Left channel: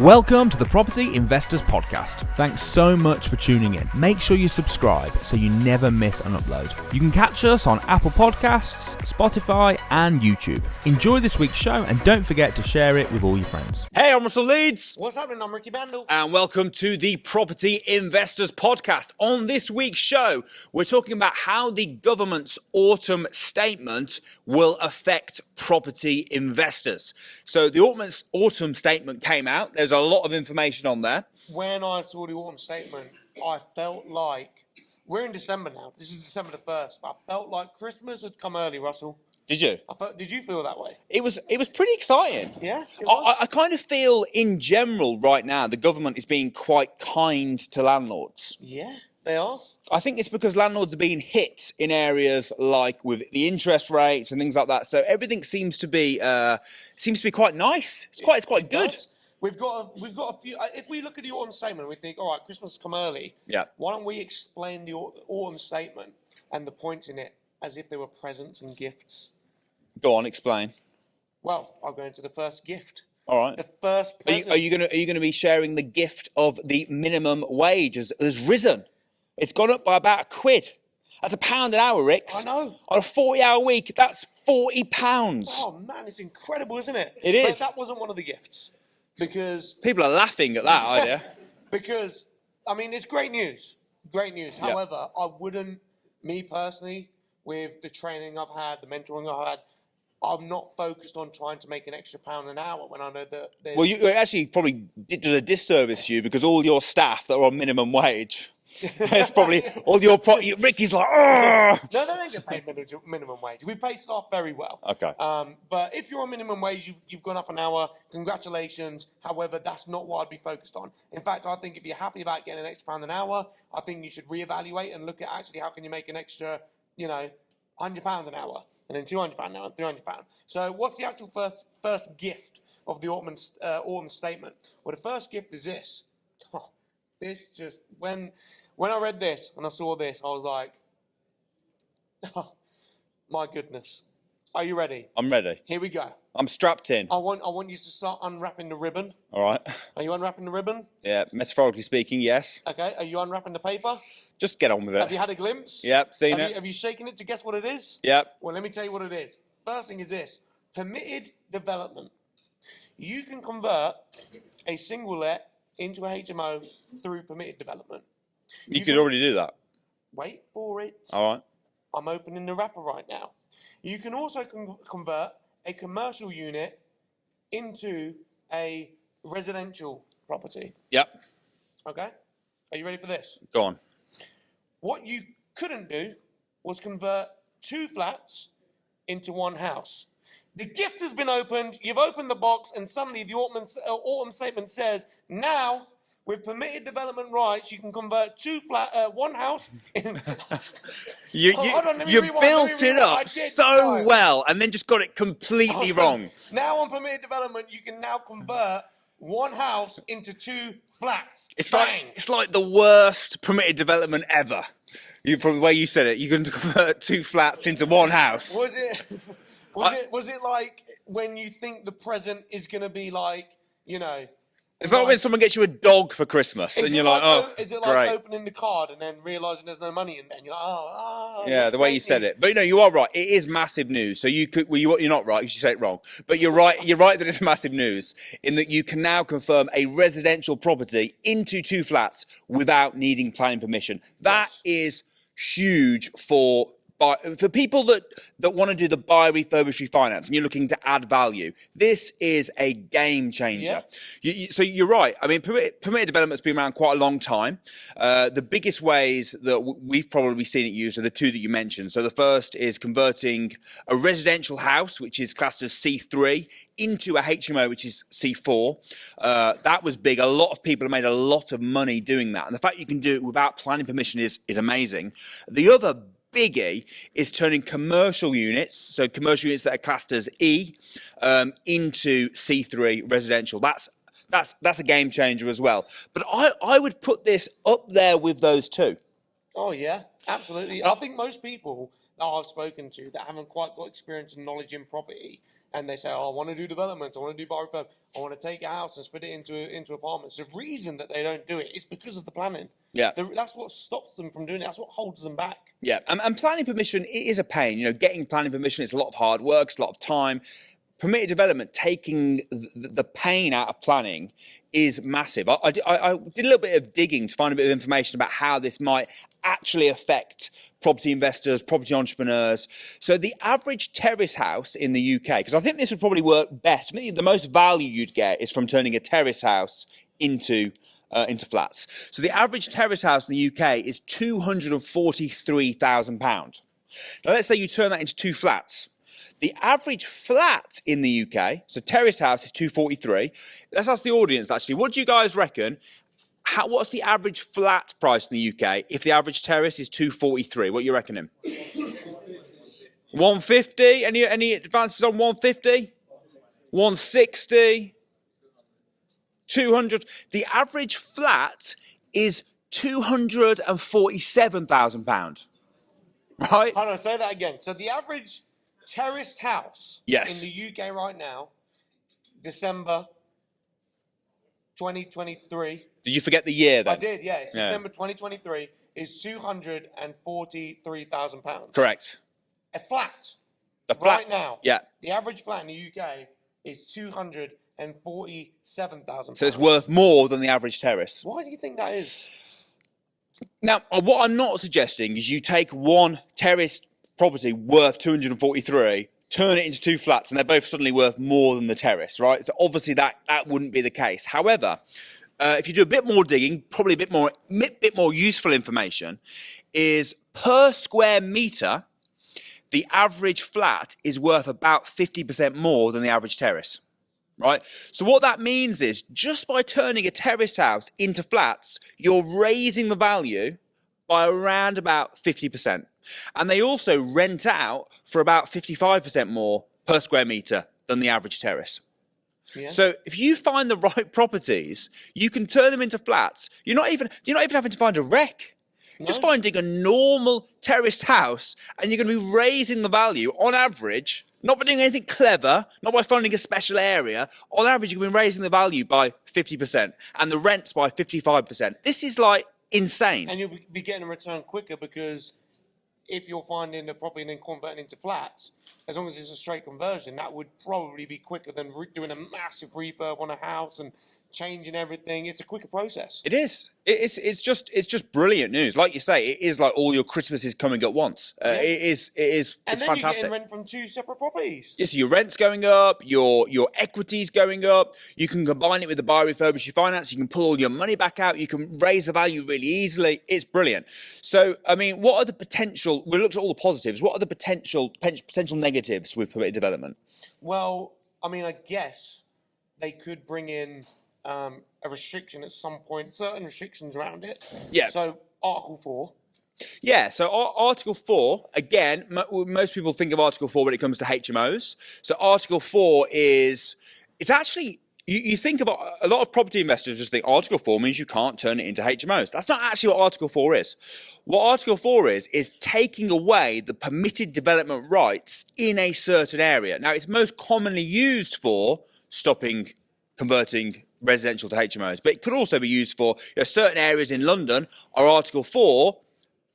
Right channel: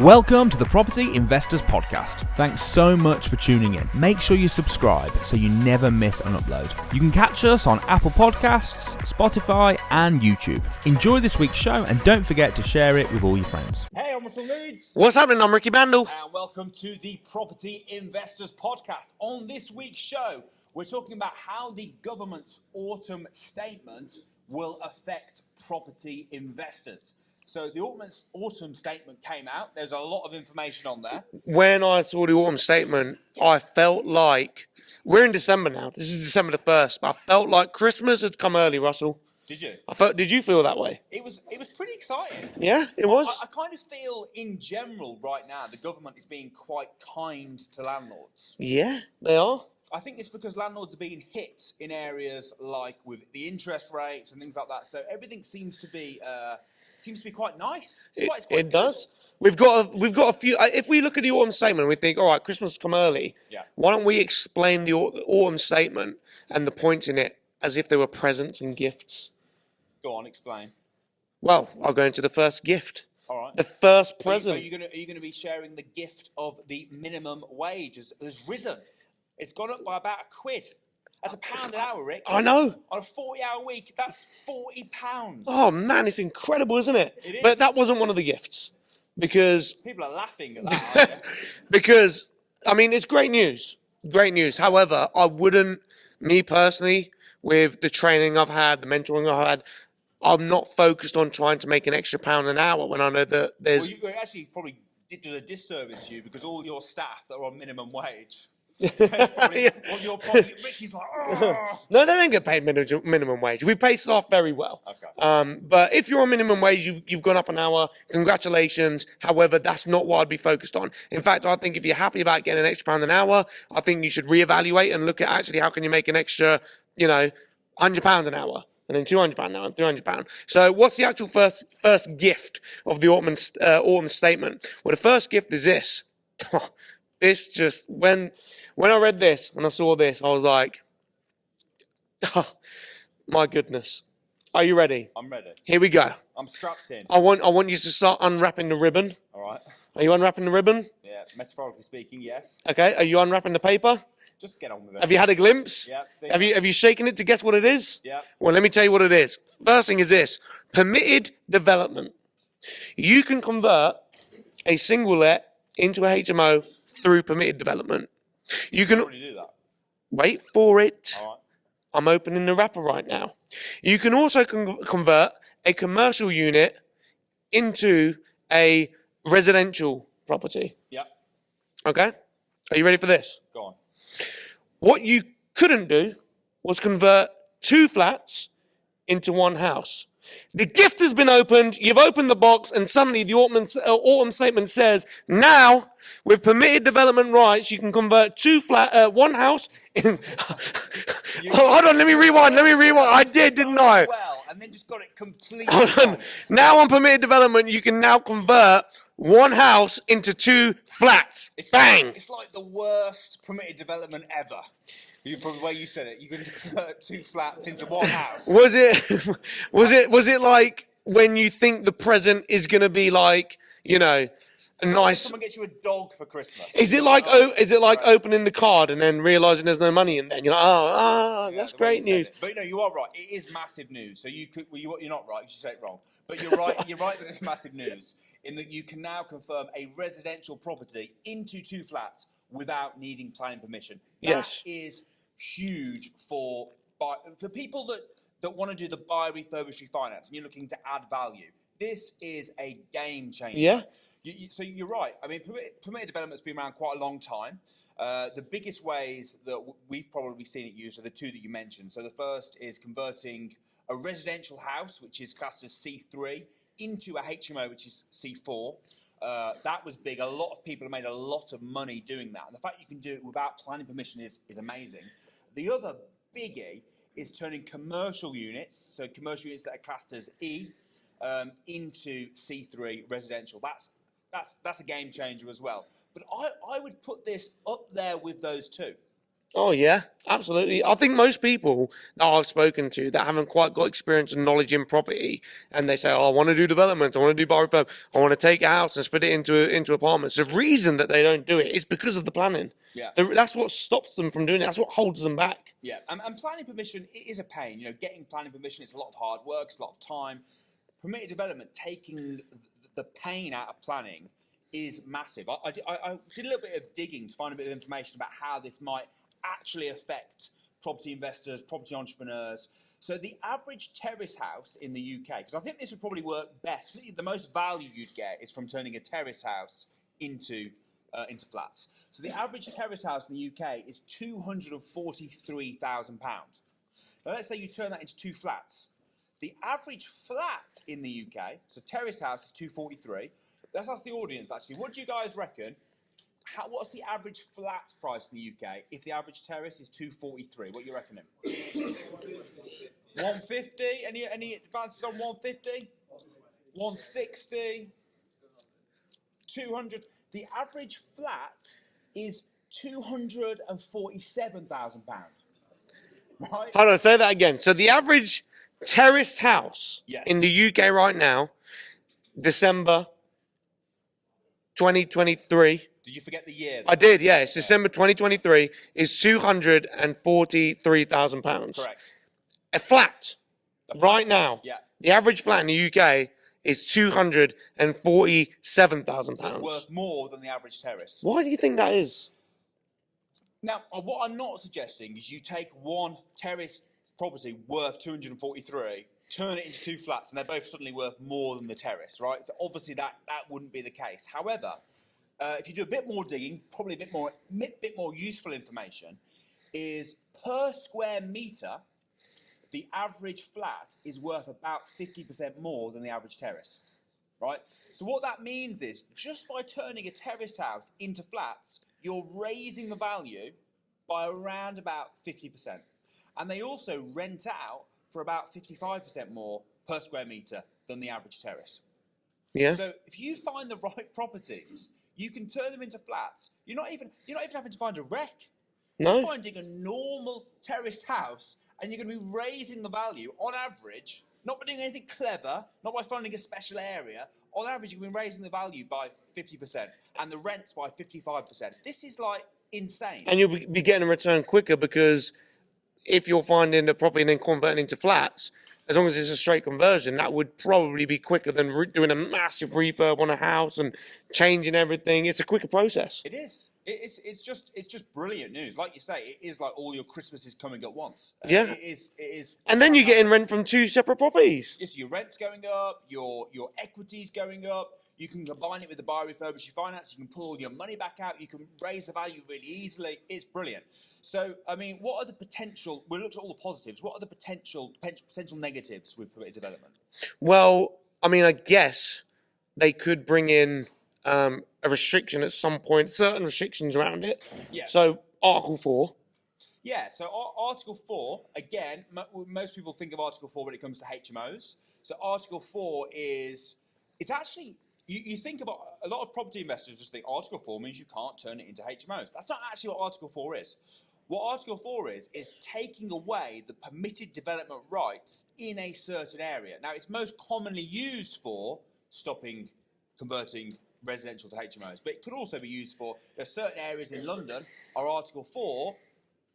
Welcome to the Property Investors Podcast. Thanks so much for tuning in. Make sure you subscribe so you never miss an upload. You can catch us on Apple Podcasts, Spotify, and YouTube. Enjoy this week's show and don't forget to share it with all your friends. Hey, I'm Russell Leeds. What's happening? I'm Ricky Mandal. And welcome to the Property Investors Podcast. On this week's show, we're talking about how the government's autumn statement will affect property investors. So the autumn statement came out. There's a lot of information on there. When I saw the autumn statement, I felt like, we're in December now. This is December the 1st, but I felt like Christmas had come early, Russell. Did you? Did you feel that way? It was pretty exciting. Yeah, it was. I kind of feel in general right now the government is being quite kind to landlords. Yeah, they are. I think it's because landlords are being hit in areas like with the interest rates and things like that. So everything seems to be quite nice. It's quite good. Does. We've got a few. If we look at the autumn statement and we think, all right, Christmas has come early. Yeah. Why don't we explain the autumn statement and the points in it as if they were presents and gifts? Go on, explain. Well, I'll go into the first gift. All right. The first present. Are you gonna be sharing the gift of the minimum wage has risen? It's gone up by about £1. That's £1 an hour, Rick. I know. On a 40-hour week, that's £40. Oh man, it's incredible, isn't it? It is. But that wasn't one of the gifts because people are laughing at that, aren't you? because I mean it's great news. Great news. Yeah. However, I wouldn't, me personally, with the training I've had, the mentoring I've had, I'm not focused on trying to make an extra £1 an hour when I know that there's... Well, you actually probably did a disservice to you because all your staff that are on minimum wage, it's probably all your... Ricky's like, oh! No, they don't get paid minimum wage. We pay staff very well. Okay. But if you're on minimum wage, you've gone up an hour, congratulations. However, that's not what I'd be focused on. In fact, I think if you're happy about getting an extra £1 an hour, I think you should reevaluate and look at actually how can you make an extra, £100 an hour. And then £200 now, and £300. So what's the actual first gift of the autumn statement? Well, the first gift is this. This just, when I read this and I saw this, I was like, oh, my goodness. Are you ready? I'm ready. Here we go. I'm strapped in. I want you to start unwrapping the ribbon. All right. Are you unwrapping the ribbon? Yeah, metaphorically speaking, yes. Okay. Are you unwrapping the paper? Just get on with it. Have you had a glimpse? Yep, seen it. Have you shaken it to guess what it is? Yep. Well, let me tell you what it is. First thing is this. Permitted development. You can convert a single let into a HMO through permitted development. You can already do that. Wait for it. All right. I'm opening the wrapper right now. You can also convert a commercial unit into a residential property. Yep. Okay? Are you ready for this? Go on. What you couldn't do was convert 2 flats into 1 house. The gift has been opened, you've opened the box, and suddenly the autumn statement says, now, with permitted development rights, you can convert 1 house. Hold on, let me rewind. I did, so didn't I? well, and then just got it completely wrong. Now on permitted development, you can now convert 1 house into 2 flats. Bang! It's like the worst permitted development ever. From the way you said it, you can convert 2 flats into 1 house. Was it like when you think the present is going to be like, it's like when someone gets you a dog for Christmas. Is it like opening the card and then realizing there's no money in there? You're like, yeah, the way you said it. But you are right. It is massive news. So you're not right. You should say it wrong. But you're right. You're right that it's massive news in that you can now confirm a residential property into 2 flats without needing planning permission. That is huge for people that want to do the buy, refurbish, refinance, and you're looking to add value. This is a game changer. Yeah. So you're right. I mean, permitted development's been around quite a long time. The biggest ways that we've probably seen it used are the 2 that you mentioned. So the first is converting a residential house, which is classed as C3, into a HMO, which is C4. That was big. A lot of people have made a lot of money doing that. And the fact you can do it without planning permission is amazing. The other biggie is turning commercial units, so commercial units that are classed as E, into C3 residential. That's a game changer as well. But I would put this up there with those 2. Oh yeah, absolutely. I think most people that I've spoken to that haven't quite got experience and knowledge in property, and they say, "Oh, I want to do development, I want to do bar refurb, I want to take a house and split it into apartments." The reason that they don't do it is because of the planning. Yeah. That's what stops them from doing it. That's what holds them back. Yeah, and planning permission, it is a pain. You know, getting planning permission, it's a lot of hard work, it's a lot of time. Permitted development, taking the pain out of planning is massive. I did a little bit of digging to find a bit of information about how this might actually affect property investors, property entrepreneurs. So the average terrace house in the UK, because I think this would probably work best, I think the most value you'd get is from turning a terrace house into flats. So the average terrace house in the UK is £243,000. Now let's say you turn that into 2 flats. The average flat in the UK, so terrace house is 243. Let's ask the audience actually, what do you guys reckon? What's the average flat price in the UK if the average terrace is 243? What are you reckoning? 150? Any advances on 150? 160? 200? The average flat is £247,000. Right? Hold on, say that again. So the average terraced house Yes. in the UK right now, December 2023. Did you forget the year though? I did, yeah. It's December 2023 is £243,000. Correct. A flat, right now. Yeah. The average flat in the UK is £247,000. So it's worth more than the average terrace. Why do you think that is? Now, what I'm not suggesting is you take one terrace property worth 243, turn it into 2 flats, and they're both suddenly worth more than the terrace, right? So obviously that wouldn't be the case. However, if you do a bit more digging, probably a bit more useful information, is per square metre, the average flat is worth about 50% more than the average terrace, right? So what that means is just by turning a terrace house into flats, you're raising the value by around about 50%. And they also rent out for about 55% more per square metre than the average terrace. Yeah. So if you find the right properties, you can turn them into flats. You're not even having to find a wreck. No. Just finding a normal terraced house, and you're going to be raising the value on average, not by doing anything clever, not by finding a special area. On average, you're going to be raising the value by 50% and the rents by 55%. This is like insane. And you'll be getting a return quicker because if you're finding the property and then converting into flats, as long as it's a straight conversion, that would probably be quicker than doing a massive refurb on a house and changing everything. It's a quicker process. It is. It's just brilliant news. Like you say, it is like all your Christmases coming at once. Yeah. It is. And then you're getting rent from 2 separate properties. Yes, your rent's going up, your equity's going up. You can combine it with the buy refurbish finance. You can pull all your money back out. You can raise the value really easily. It's brilliant. So, I mean, what are the potential? We looked at all the positives. What are the potential negatives with permitted development? Well, I mean, I guess they could bring in a restriction at some point, certain restrictions around it. Yeah. So Article 4. Yeah, so Article 4, again, most people think of Article 4 when it comes to HMOs. So Article 4 it's actually, you think about, a lot of property investors just think Article 4 means you can't turn it into HMOs. That's not actually what Article 4 is. What Article 4 is taking away the permitted development rights in a certain area. Now, it's most commonly used for stopping converting residential to HMOs, but it could also be used for certain areas in London are Article 4,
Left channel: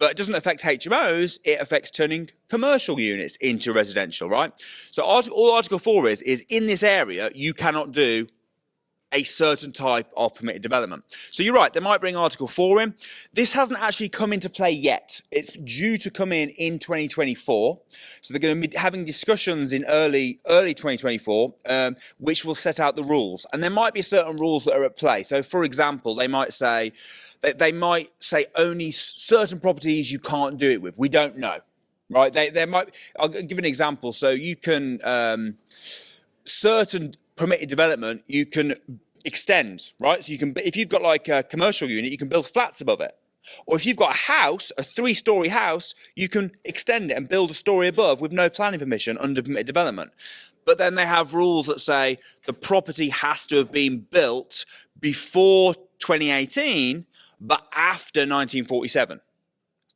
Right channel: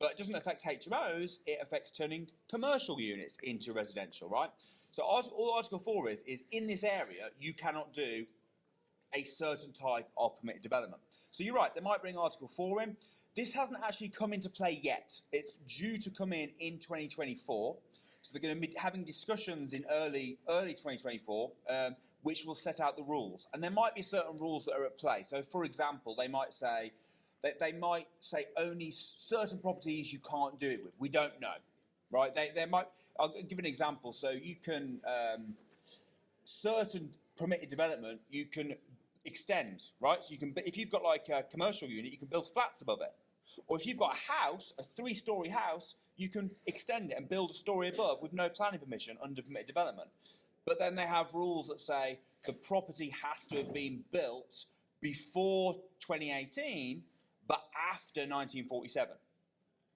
but it doesn't affect HMOs, it affects turning commercial units into residential, right? So all Article 4 is in this area, you cannot do a certain type of permitted development. So you're right, they might bring Article 4 in. This hasn't actually come into play yet. It's due to come in 2024. So they're going to be having discussions in early 2024, which will set out the rules. And there might be certain rules that are at play. So for example, they might say only certain properties you can't do it with. We don't know, right? I'll give an example. So you can, certain permitted development, you can extend, right? So you can, if you've got like a commercial unit, you can build flats above it. Or if you've got a house, a 3-story house, you can extend it and build a story above with no planning permission under permitted development. But then they have rules that say the property has to have been built before 2018, but after 1947.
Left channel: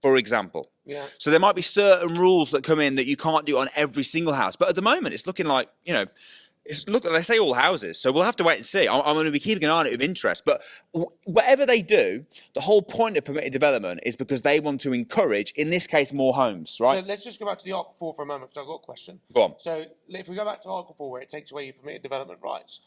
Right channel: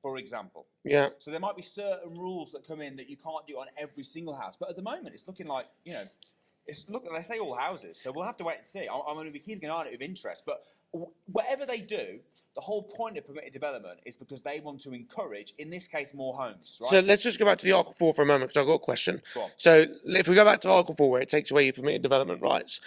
for example. Yeah. So there might be certain rules that come in that you can't do on every single house. But at the moment, it's looking like, they say all houses. So we'll have to wait and see. I'm going to be keeping an eye on it with interest. But whatever they do, the whole point of permitted development is because they want to encourage, in this case, more homes, right? So let's just go back to the Article 4 for a moment, because I've got a question. Go on. So if we go back to Article 4, where it takes away your permitted development rights,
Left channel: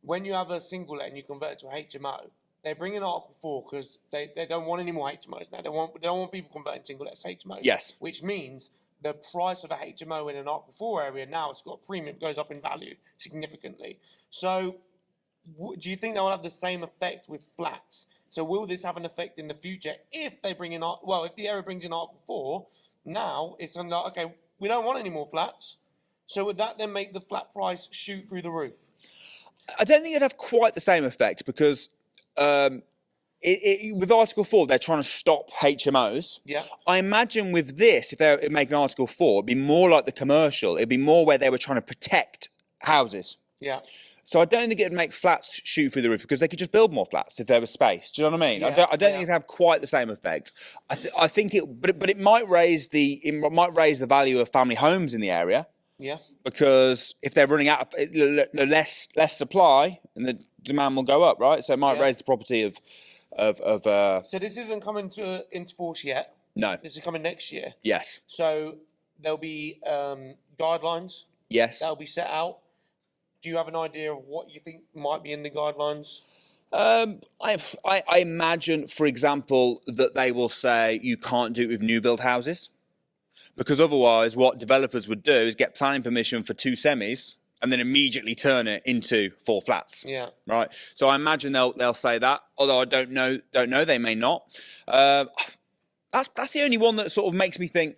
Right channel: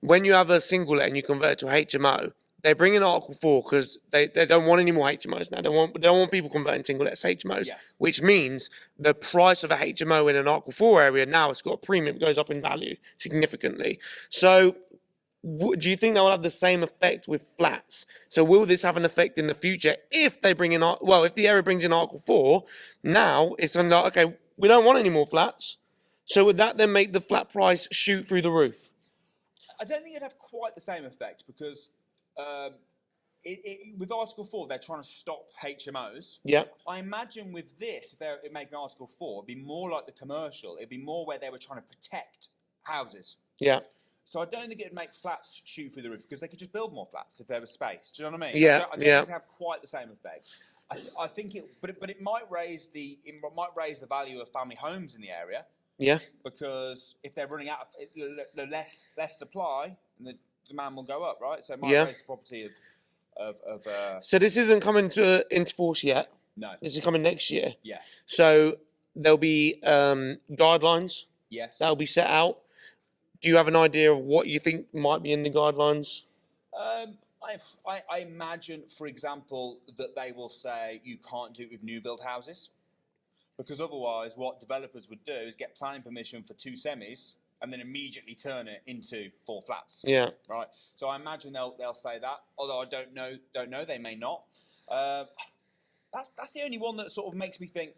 when you have a single let and you convert it to a HMO, they bring in Article 4 because they don't want any more HMOs now. They don't want people converting single lets to HMOs. Yes. Which means the price of a HMO in an Article 4 area now, it's got a premium, it goes up in value significantly. So do you think that will have the same effect with flats? So will this have an effect in the future if they bring in, if the area brings in Article 4, now it's like, okay, we don't want any more flats. So would that then make the flat price shoot through the roof? I don't think it'd have quite the same effect because with Article 4, they're trying to stop HMOs. Yeah. I imagine with this, if they're making Article 4, it'd be more like the commercial. It'd be more where they were trying to protect houses. Yeah. So I don't think it'd make flats shoot through the roof because they could just build more flats if there was space. Do you know what I mean? Yeah. I don't think it'd have quite the same effect. I think it might raise the value of family homes in the area. Yeah. Because if they're running out of less supply, and the demand will go up, right? So it might raise the property of. So this isn't coming into force yet. No. This is coming next year. Yes. So there'll be guidelines. Yes. That'll be set out. Do you have an idea of what you think might be in the guidelines? I imagine, for example, that they will say you can't do it with new build houses, because otherwise, what developers would do is get planning permission for 2 semis and then immediately turn it into 4 flats. Yeah. Right. So I imagine they'll say that. Although I don't know. They may not. That's the only one that sort of makes me think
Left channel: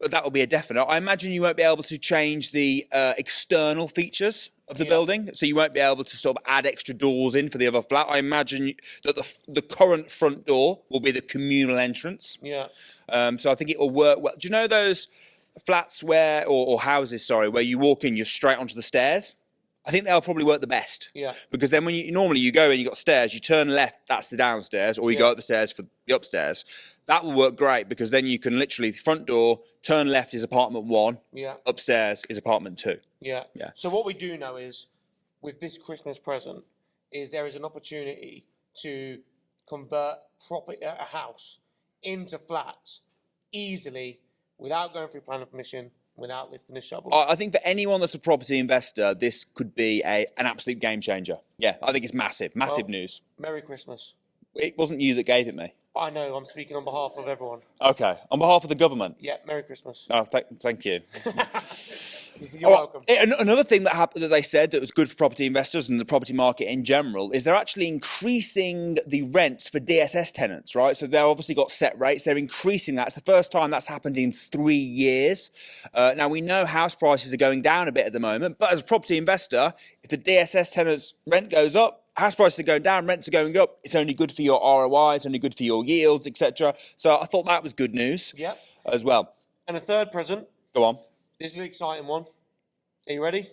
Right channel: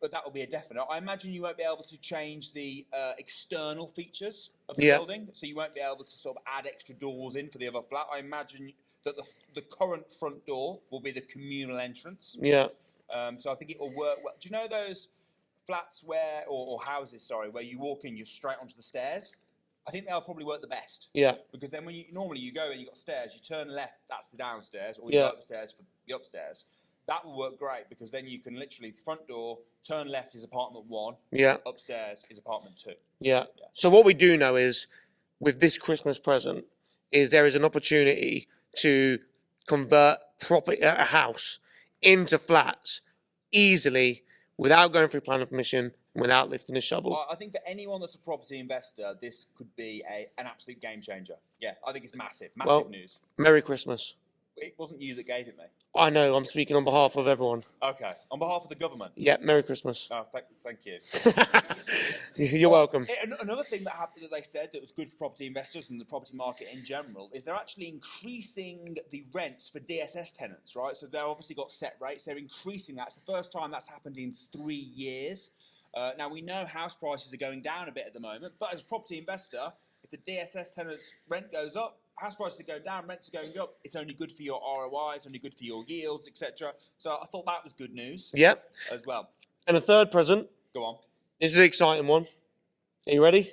that will be a definite. I imagine you won't be able to change the external features of the building, so you won't be able to sort of add extra doors in for the other flat. I imagine that the current front door will be the communal entrance. Yeah. So I think it will work well. Do you know those flats or houses, sorry, where you walk in, you're straight onto the stairs? I think they'll probably work the best. Yeah. Because then when you go and you've got stairs, you turn left, that's the downstairs, or you go up the stairs for the upstairs. That will work great because then you can literally, front door, turn left is apartment 1, upstairs is apartment 2. Yeah. Yeah. So what we do know is, with this Christmas present, is there is an opportunity to convert a house into flats easily without going through planning permission, without lifting a shovel. I think for anyone that's a property investor, this could be an absolute game changer. Yeah, I think it's massive news. Merry Christmas. It wasn't you that gave it me. I know, I'm speaking on behalf of everyone. Okay, on behalf of the government. Yeah, Merry Christmas. Oh, thank you. You're welcome. Another thing that happened that they said that was good for property investors and the property market in general is they're actually increasing the rents for DSS tenants, right? So they've obviously got set rates. They're increasing that. It's the first time that's happened in 3 years. Now, we know house prices are going down a bit at the moment, but as a property investor, if the DSS tenants' rent goes up, house prices are going down, rents are going up, it's only good for your ROI, it's only good for your yields, etc. So I thought that was good news as well. And a third present. Go on. This is an exciting one. Are you ready?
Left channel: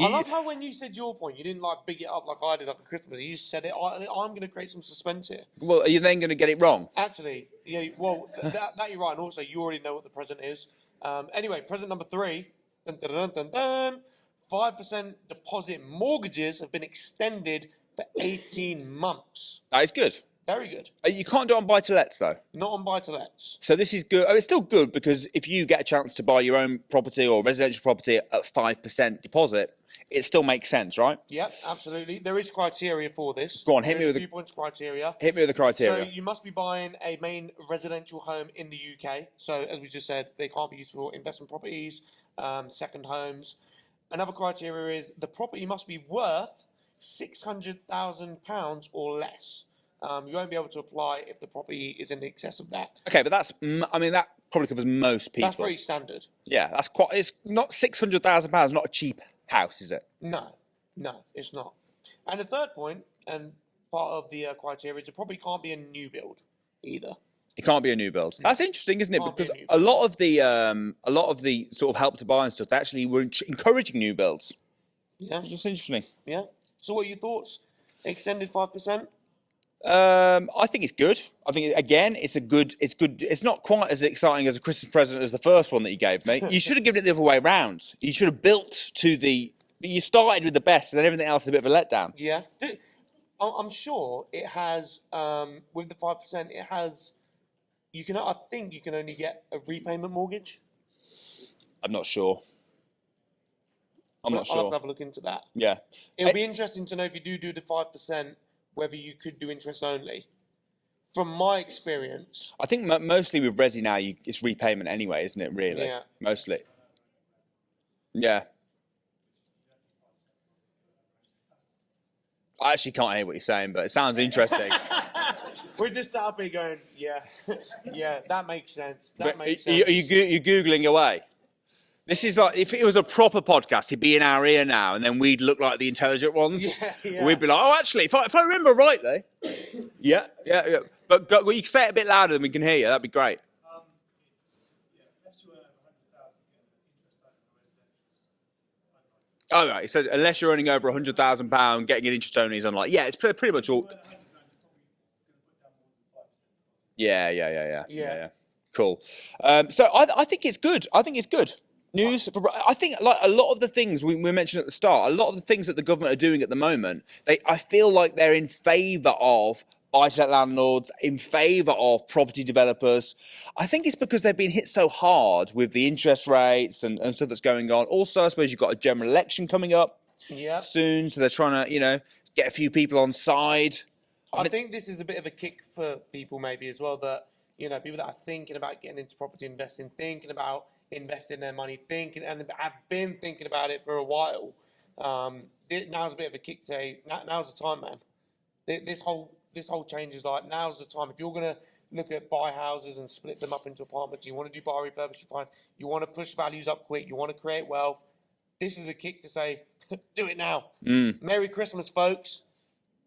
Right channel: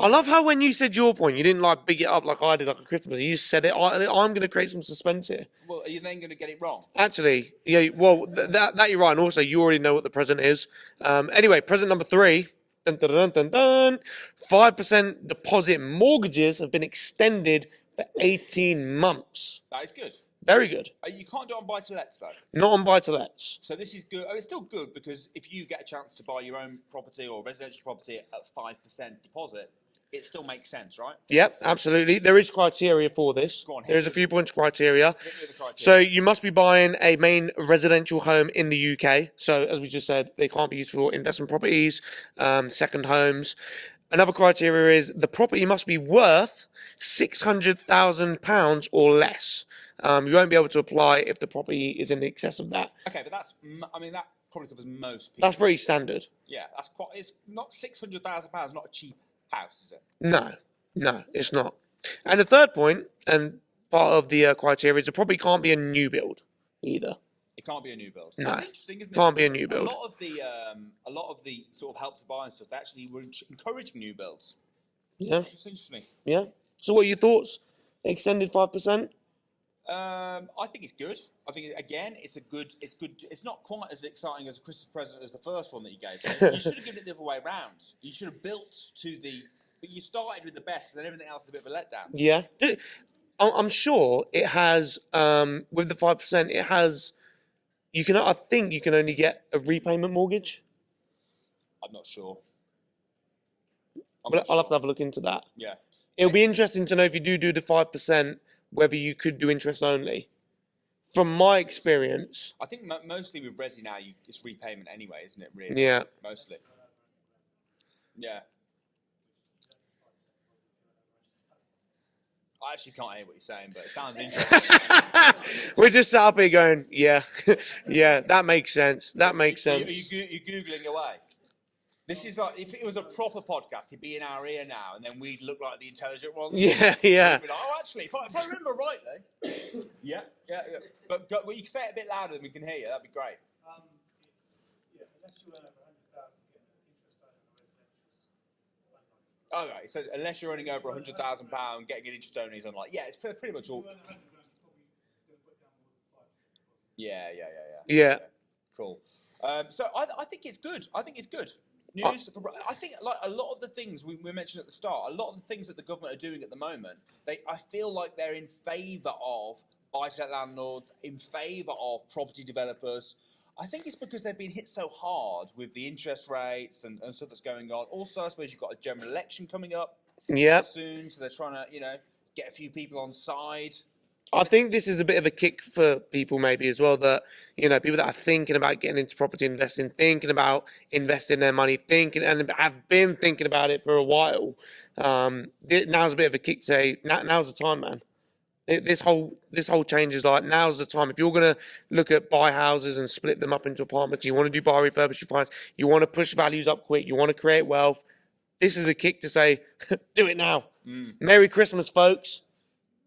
I love how when you said your point, you didn't like big it up like I did, like a Christmas. You said it. I'm going to create some suspense here. Well, are you then going to get it wrong? Actually, yeah. Well, that you're right. And also, you already know what the present is. Anyway, present number 3. Dun, dun, dun, dun, dun. 5% deposit mortgages have been extended for 18 months. That is good. Very good. You can't do it on buy-to-lets, though. Not on buy-to-lets. So this is good. It's still good because if you get a chance to buy your own property or residential property at 5% deposit, it still makes sense, right? Yep, absolutely. There is criteria for this. Go on, hit me There's a with few points criteria. Hit me with the criteria. So you must be buying a main residential home in the UK. So as we just said, they can't be used for investment properties, second homes. Another criteria is the property must be worth £600,000 or less. You won't be able to apply if the property is in excess of that. Okay, but that probably covers most people. That's pretty standard. Yeah, that's quite. It's not £600,000. Not a cheap house, is it? No, it's not. And the third point, and part of the criteria, is the property can't be a new build either. It can't be a new build. No. That's interesting, isn't it? Can't be a Because new build. a lot of the sort of help to buy and stuff, they actually were encouraging new builds. Yeah. That's interesting. Yeah. So what are your thoughts? Extended 5%? I think it's good. I think again, it's good. It's not quite as exciting as a Christmas present as the first one that you gave me. You should have given it the other way around. You should have built to the. You started with the best, and then everything else is a bit of a letdown. Yeah. I'm sure it has, with the 5%, it has, I think you can only get a repayment mortgage. I'm not sure. I'll have to have a look into that. Yeah. It'll be interesting to know if you do the 5%, whether you could do interest only. From my experience. I think mostly with Resi now, it's repayment anyway, isn't it, really? Yeah. Mostly. Yeah. I actually can't hear what you're saying, but it sounds interesting. We're just sat up here going, yeah, yeah, that makes sense. That makes sense. You're Googling away. This is like, if it was a proper podcast, he'd be in our ear now, and then we'd look like the intelligent ones. Yeah, yeah. We'd be like, oh, actually, if I remember rightly. Yeah. But you can say it a bit louder than we can hear you. That'd be great. Oh, right. So unless you're earning over £100,000, getting an interest only is unlikely. Yeah, it's pretty much all. Yeah. Cool. So I think it's good. I think it's good news. I think like a lot of the things we mentioned at the start, a lot of the things that the government are doing at the moment, I feel like they're in favour of buy-to-let landlords, in favour of property developers. I think it's because they've been hit so hard with the interest rates and stuff that's going on. Also, I suppose you've got a general election coming up soon, so they're trying to, get a few people on side. I think this is a bit of a kick for people maybe as well, that, people that are thinking about getting into property investing, thinking about investing their money, and have been thinking about it for a while. Now's a bit of a kick to say, now's the time, man. This whole change is like, now's the time. If you're going to look at buy houses and split them up into apartments, you want to do buy, refurbish, refinance, you want to push values up quick, you want to create wealth, this is a kick to say, do it now. Merry Christmas, folks.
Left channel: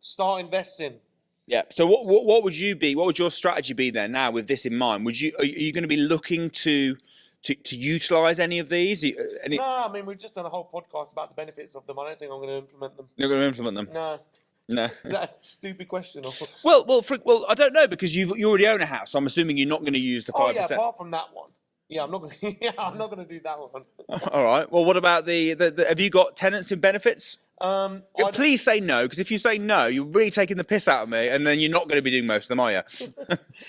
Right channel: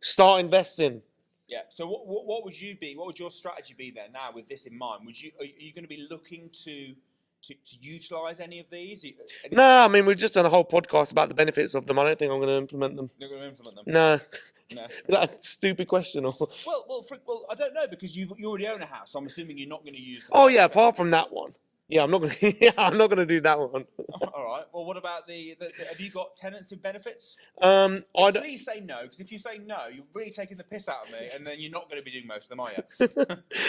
Start investing. Yeah. So what would you be? What would your strategy be then? Now with this in mind, are you going to be looking to utilise any of these? No, I mean we've just done a whole podcast about the benefits of them. I don't think I'm going to implement them. You're going to implement them? No. No. That's a stupid question. Well, I don't know, because you already own a house. So I'm assuming you're not going to use the. Oh yeah, apart from that one. Yeah, I'm not going to. Yeah, I'm not going to do that one. All right. Well, what about the have you got tenants in benefits? Please say no, because if you say no, you're really taking the piss out of me, and then you're not going to be doing most of them, are you?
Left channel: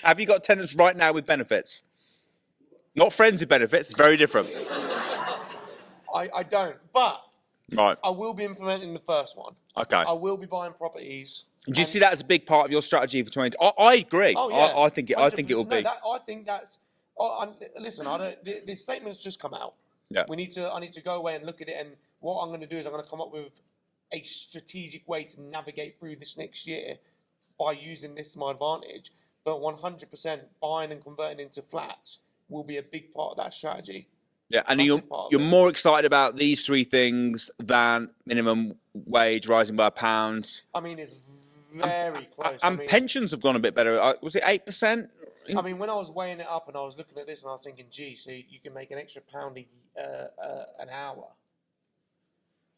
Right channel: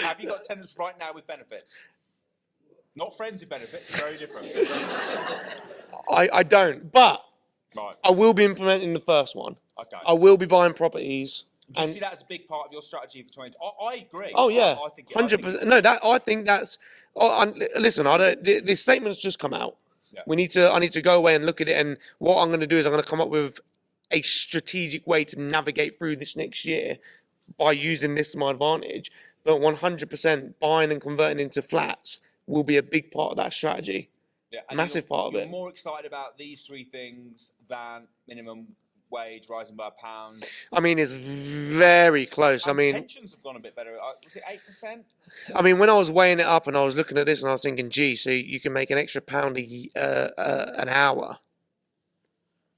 Have you got tenants right now with benefits? Not friends with benefits. It's very different. I don't, but right. I will be implementing the first one. Okay. I will be buying properties. Do you see that as a big part of your strategy for 20? I agree. Oh yeah. I think it will be. I think that's. Listen, this statement's just come out. Yeah. I need to go away and look at it, and what I'm going to do is I'm going to come up with a strategic way to navigate through this next year by using this to my advantage. But 100% buying and converting into flats will be a big part of that strategy. Yeah, and you're more excited about these three things than minimum wage rising by £1. I mean, it's very close. I mean, pensions have gone a bit better. Was it 8%? I mean, when I was weighing it up and I was looking at this and I was thinking, gee, so you can make an extra pound an hour.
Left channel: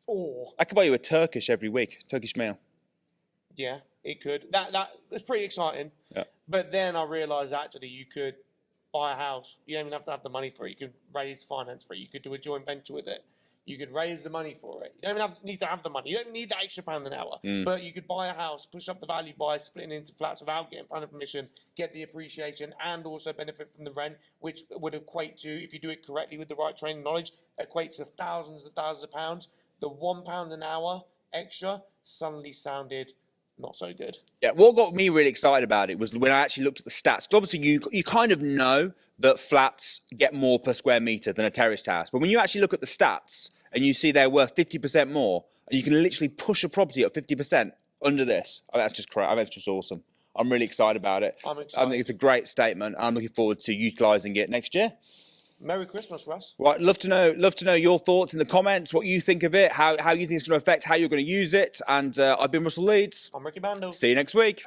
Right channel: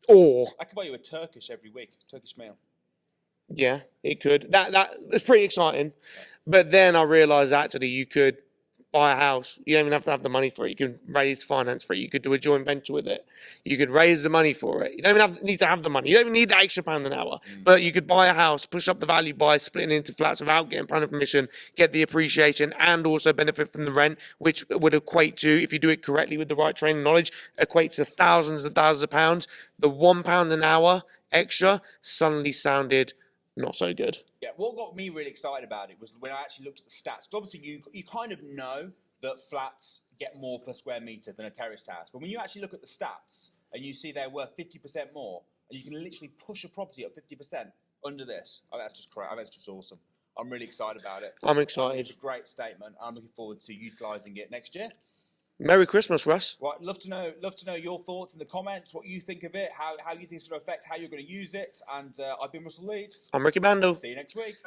Or I could buy you a Turkish every week, Turkish meal. Yeah, it could. That's pretty exciting. Yeah. But then I realised actually you could buy a house. You don't even have to have the money for it. You can raise finance for it. You could do a joint venture with it. You could raise the money for it. You don't even need to have the money. You don't even need the extra pound an hour. But you could buy a house, push up the value by splitting into flats without getting planning permission, get the appreciation, and also benefit from the rent, which would equate to, if you do it correctly with the right training knowledge, equate to thousands and thousands of pounds. The £1 an hour extra suddenly sounded not so good. Yeah, what got me really excited about it was when I actually looked at the stats. Because obviously you kind of know that flats get more per square metre than a terraced house. But when you actually look at the stats and you see they're worth 50% more, and you can literally push a property up 50% under this, that's just correct. That's just awesome. I'm really excited about it. I'm excited. I think it's a great statement. I'm looking forward to utilising it next year. Merry Christmas, Russ. Right, love to know your thoughts in the comments, what you think of it, how you think it's going to affect how you're going to use it. And I've been Russell Leeds. I'm Ricky Mandal. See you next week.